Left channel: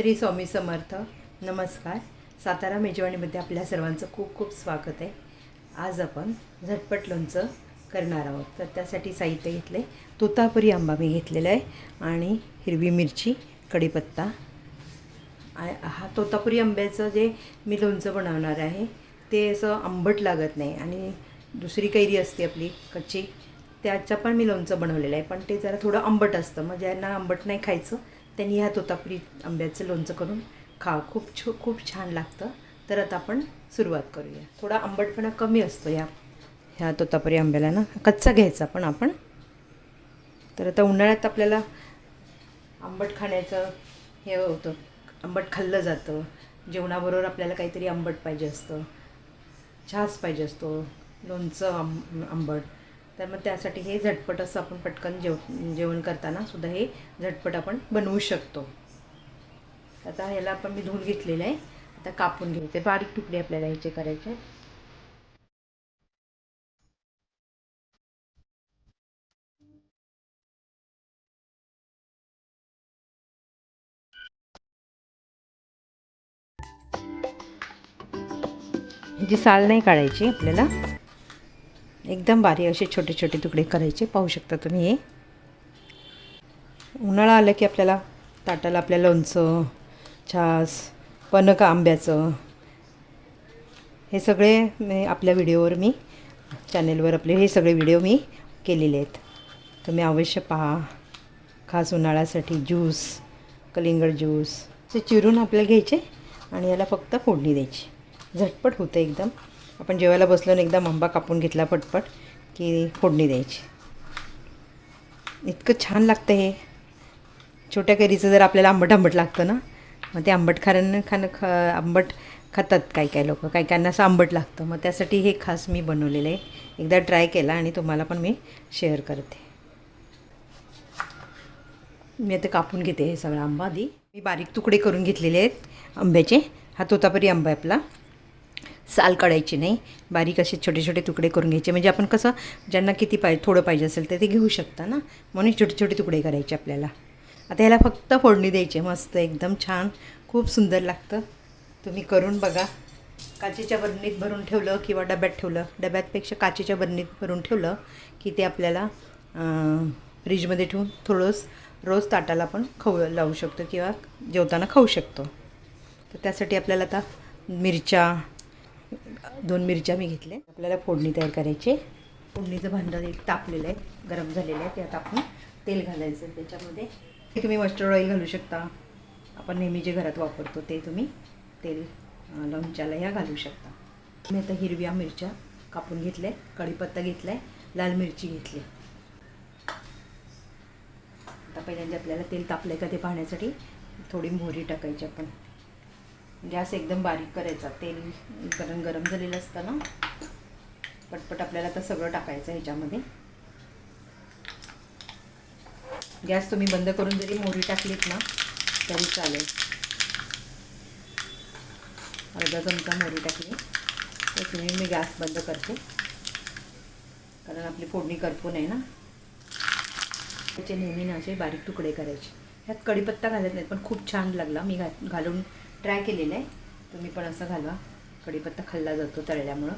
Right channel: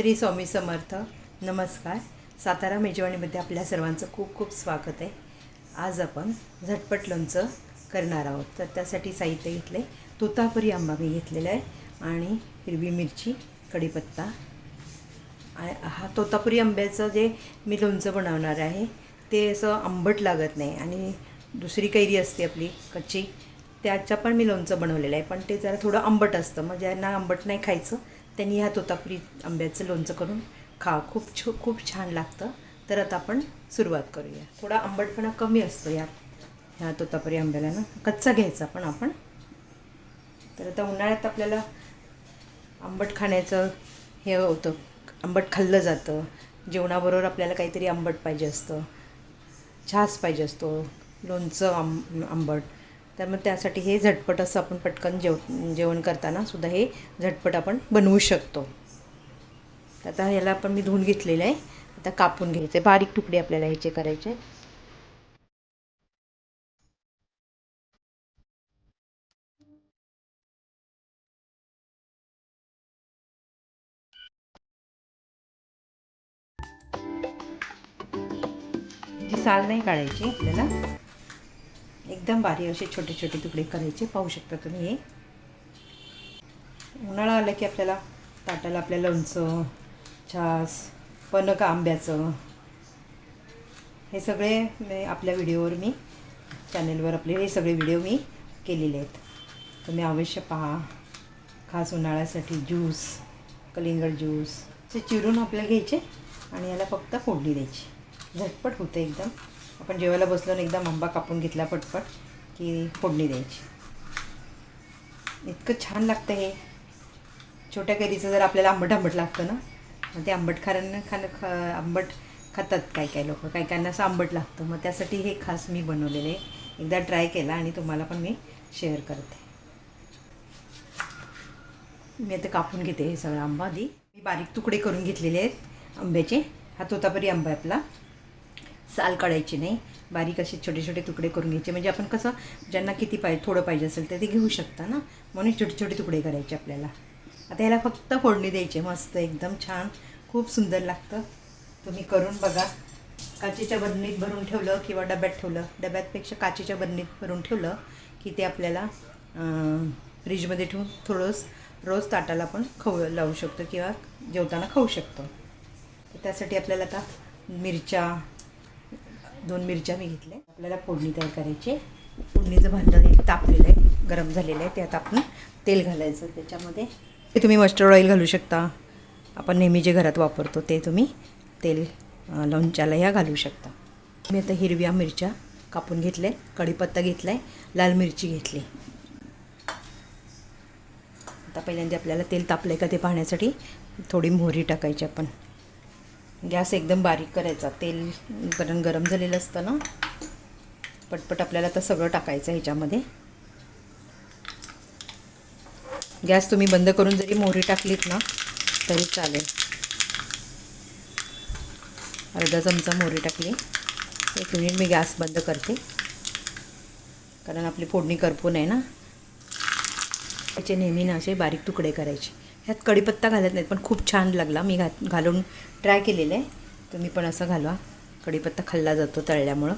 श्री स्वामी समर्थ. नमस्कार. सातारा मेजवानीमध्ये आपल्या सर्वांचं खूप खूप स्वागत आहे. आज आपण झटपट लोणचं करणार आहोत. तर त्यासाठी साहित्य घेतलं आहे. तोतापुरी आंबा मी घेतलेला आहे आणि हिरवी मिरची, कढीपत्ता. हा तोतापुरी आंब्याचं जे मी लोणचं बनवणार आहे ते असं आंबट लागत नाही. आणि दुसरी कैरी असते आपली कच्ची, त्याचं पण मी लोणचं बनवलेलं आहे, पण ते जरा थोडं आंबट असतं. मग ज्यांना आंबट नाही खायचं त्यांनी ह्या तोतापुरी आंब्याचं लोणचं करून खा. खूप छान लागतं. तर आता आपण सुरुवात करूया. थोडा आंबटपणा कमी असतो ह्या तोतापुरी आंब्याला ना, कच्चा घ्यायचा पण आपण. तर आता उन्हाळ्यात आपल्याला आंबट खाण्याचं हे होतं, आंबट खाल्लं जातं. जेवणाबरोबर आपल्याला काहीतरी आंबट पाहिजे असतं, छास पाहिजे असतो, लोणचं आंबट. तर मग त्यासाठी हे झटपट असं आपण पटकन जेवण करताना सुद्धा हे झटपट आपण बनवू शकतो. आता ह्याला आपण मी धुवून घेतलेलं आहे. आता कापून घ्यायचे, बारीक तुकडे आपल्याला ह्याचे करायचे. ह्याची साल नाही काढायची आपल्याला, एकदम बारीक असे छोटे छोटे तुकडे करायचे. पाहू शकता तुम्ही. हे उन्हाळा आलं की आपल्याला ताटाला आपल्या लोणचं, छास, पनक आंब्याचं हे सगळे आपल्या व्हिडिओवर मी चॅनेलवर आपले हे सगळे व्हिडिओ मी केलेले आहेत. तुम्ही अवश्य पहा. खास उन्हाळ्यासाठी ज्यूस, कलिंगड ज्यूस ते चिरून आपल्याला घ्यायचे आणि याला फक्त फोडणी द्यायची. झटपट होतं एकदम. आपण जेवायला बसलो ना, एकदम आंबा कापून घेतला पटपट की फोडणी द्यायची. इतकं छान लागतं हे. छोट्या कैरीचं जर आपल्याला आंबट लागतं ना, मग ते आंबट आंबट खातात काही लोक, काहींना असं आंबट लागतं. मग त्यासाठी हे खास मी बनवलेलं आहे. एकदा ट्राय केला आणि तुम्हाला पण मी शेअर करते. मी आता कापून घेते हे सगळं आंबा. आधी मी बारीक तुकडे करून घेतलेले आहेत आंब्याचे. हा तोतापुरी आंबा आहे आपला. साल काढायची नाही, बारीक असे छोटे छोटे तुकडे करून घ्यायचे. म्हणजे आपण कसं ज्यांना किती थोडं पाहिजे असेल तर ते घेऊ शकता ना, म्हणून छोटे छोटे तुकडे करायचे आपल्याला. आता ह्याला फक्त फोडणी द्यायची. मस्त एकदम छान, खूप सुंदर लागतं. तुम्ही करून बघा. काचेच्या बरणीत भरून ठेवलं किंवा डब्यात ठेवलं, डब्यातपेक्षा काचेच्या बरणीत भरून ठेवलं की ते आपल्याला फ्रीजमध्ये ठेवून रोज ताटाला आपण लावू शकतो किंवा जेवताना खाऊ शकतो. तर त्यासाठी आपल्याला आता 2 मिरच्या मी घेतल्या. आपल्याला फोडणी तयार करायची. फोडणीचं भांडं तापलेलं आहे, गरम झालेलं आहे. त्यात आपण तेल घालायचं. त्याच्यामध्ये ते तुम्ही मस्टर्ड ऑइल घालू शकता. आपण नेहमी जे घरात वापरतो ते तुम्ही तेल लोणच्याला ह्या घालू शकता. मी आता हिरव्या मिरच्या कापून घेतल्या, कढीपत्ता घेतला आहे, लाल मिरची घेतली. आता पहिल्यांदा आपल्याला तेल तापलं आहे का ते पाहण्यासाठी थोडी मोहरी टाकायची. आपण गॅस एकदम बारीक करायचा. तेल गरम झालेलं असतं ना, पटपट आपल्याला तर सगळं टाकायचं ह्याच्यामध्ये. गॅस तुम्ही बंद करून जरी मोहरी टाकलीत ना तरी चालेल. अर्धा चमचा मोहरी टाकली. 1 मिनिट मी गॅस बंद करते, कारण आपली फोडणी करपू नये ना. त्याचे नेहमी ना असे बारीक तुकडे करायचे. ह्यात कढीपत्ता घालत नाहीत, पण खूप छान लागला. मी घालून ट्राय केलेलं आहे. तुम्ही पण असं घालवा. कढीपत्ता खाल्ला जातो तळल्यामुळं.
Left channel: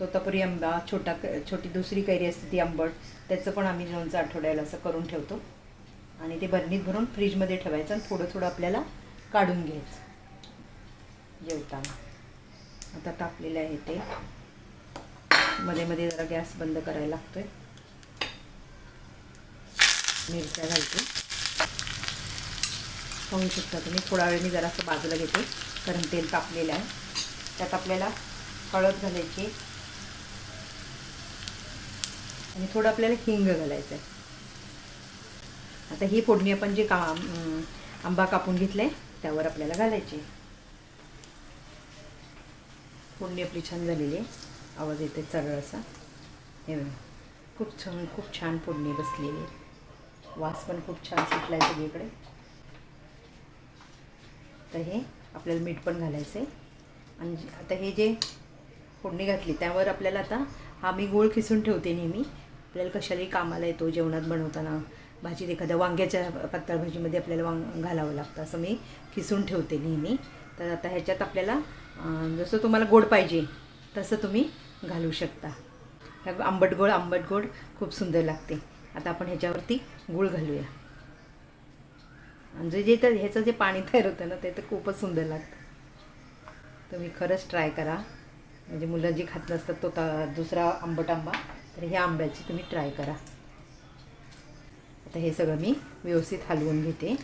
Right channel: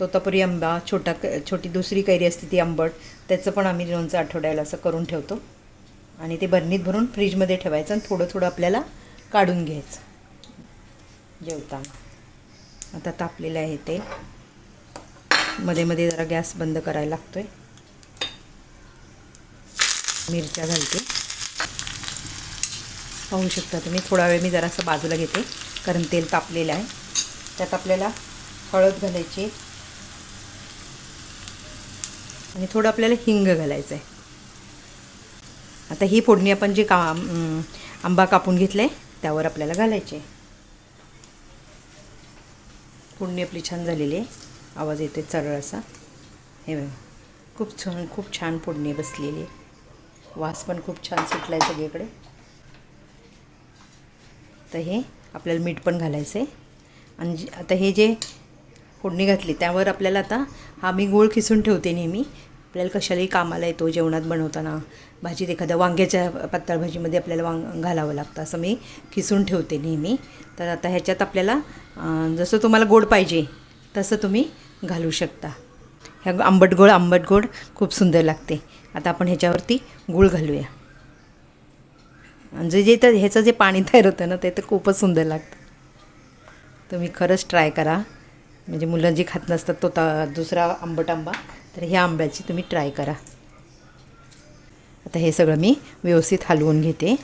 तोतापुरी आंबा, छोटी दुसरी कैरी असते ती आंबट, त्याचं पण आम्ही लोणचं आठवड्याला असं करून ठेवतो. आणि ते बरणीत भरून फ्रीजमध्ये ठेवायचं आणि थोडं आपल्याला काढून घ्यायचं जेवताना. आता तापलेलं आहे ते. मध्ये जरा गॅस बंद करायला लागतो आहे. मिरच्या घालते. पाहू शकता तुम्ही. थोडा वेळ मी जरासं बाजूला घेते कारण तेल तापलेलं आहे. त्यात आपल्याला हळद घालायची आणि थोडं आपल्याला हिंग घालायचं आहे. आता ही फोडणी आपण जे आंबा कापून घेतला आहे त्यावर आपल्याला घालायची. फोडणी आपली छान झालेली आहे. आवाज येते सरळ असा. हे बघा, खूप छान फोडणी बसलेली आहे. वास पण खूप छान सुटला आहे सगळीकडे. तर हे आपल्याला मीठ पण घालायचं आहे. आणि आता हे जे फोडणी घातली त्यावर आपल्याला आता हा मी गूळ खिसून ठेवते नेहमी. आपल्याला कशालाही कामाला येतो, जेवणात बनवताना भाजीत एखाद्या वांग्याच्या पातळ भाजीमध्ये आपल्याला घालावं लागतं. असं मी खिसून ठेवते नेहमी. तर आता ह्याच्यात आपल्याला जसं तुम्हाला गोड पाहिजे तसं तुम्ही घालू शकता. ह्या आंबट गोड खूप सुंदर लागते. आता आपण ह्याच्यावरती गूळ घालूया. जे तर ह्याचं जे पाणी तयार होतं ना ते तर खूपच सुंदर लागतं. तुम्ही खरंच ट्राय करा. म्हणजे मुलं जी खात नसतात तो दुसरा आंबट आंबा, तर ह्या आंब्याची तुम्ही ट्राय करा. आता हे सगळं मी व्यवस्थित हलवून घेते.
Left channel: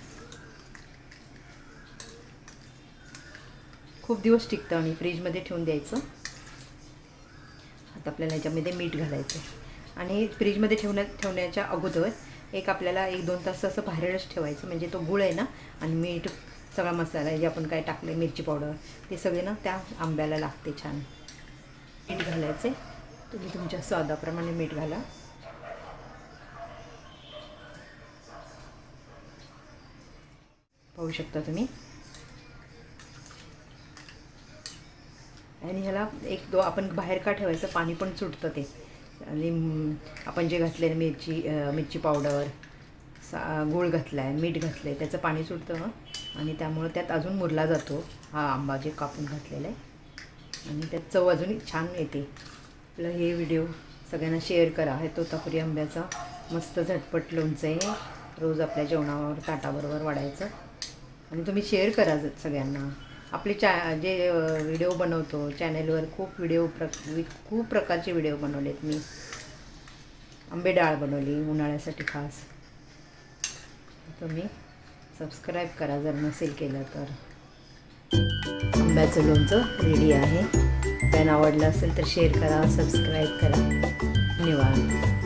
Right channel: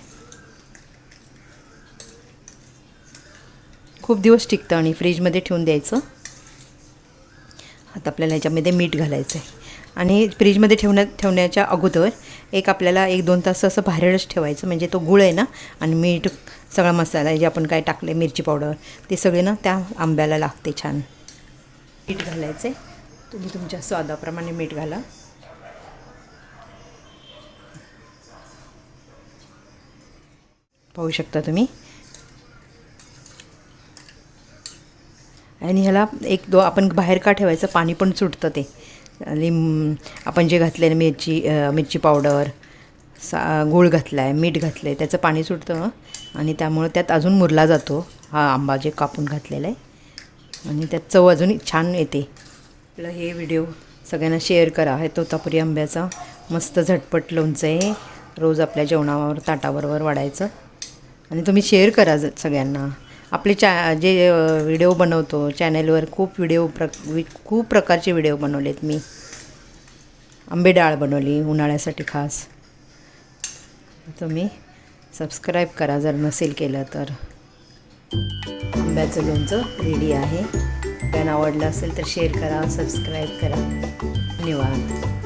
खूप दिवस टिकतं आणि फ्रीजमध्ये ठेवून द्यायचं. आता आपल्याला ह्याच्यामध्ये मीठ घालायचं आहे आणि फ्रीजमध्ये ठेवण्याच्या अगोदर आपल्याला 1-2 तास असं बाहेरच ठेवायचं. म्हणजे तो गूळ आहे ना आणि मीठ, सगळा मसाला जे आपण काय टाकले, मिरची पावडर, ते सगळे ना त्या आंब्याला लागते छान. मीठ घालायचं आहे. तुम्ही तुमच्या स्वादाप्रमाणे मीठ घाला. पाहू शकता तुम्ही. आणि ह्याला आपण बाहेर का ठेवायचं, पाणी पण सुटतं ते. आणि आपण जे घातलं मिरची पावडर, गूळ घातला आहे, मीठ घातलं आहे, त्याचं पाणी सुटतं आणि त्यामुळं त्यात अजून मुरला जातो हा आंबा जे कापून घातलेला आहे आणि त्यात चव अजून छान येते. आपलं हे व्हिडिओ सगळ्यांना शेअर करा. हे तोतापुरी आंब्याचा मस्त झटपट लोणचं आहे. रोज आपल्या जेवणावर ताटाबरोबर वाढायचं आणि तुम्ही शेअर करा सगळ्यांना. आपले जे व्हिडिओ बनवतो चॅनलवर खूप प्रकारचे व्हिडिओ बनवलेत मी. आंबे डाळ बनवली उन्हाळ्यासाठी खास. तुम्ही सबस्क्राईब करा जर नसेल केलं तर. आंब्याचं लोणचं रेडी आहे. त्यांना आवडलं असेल तर शेअर करा, सबस्क्राईब करा. धन्यवाद.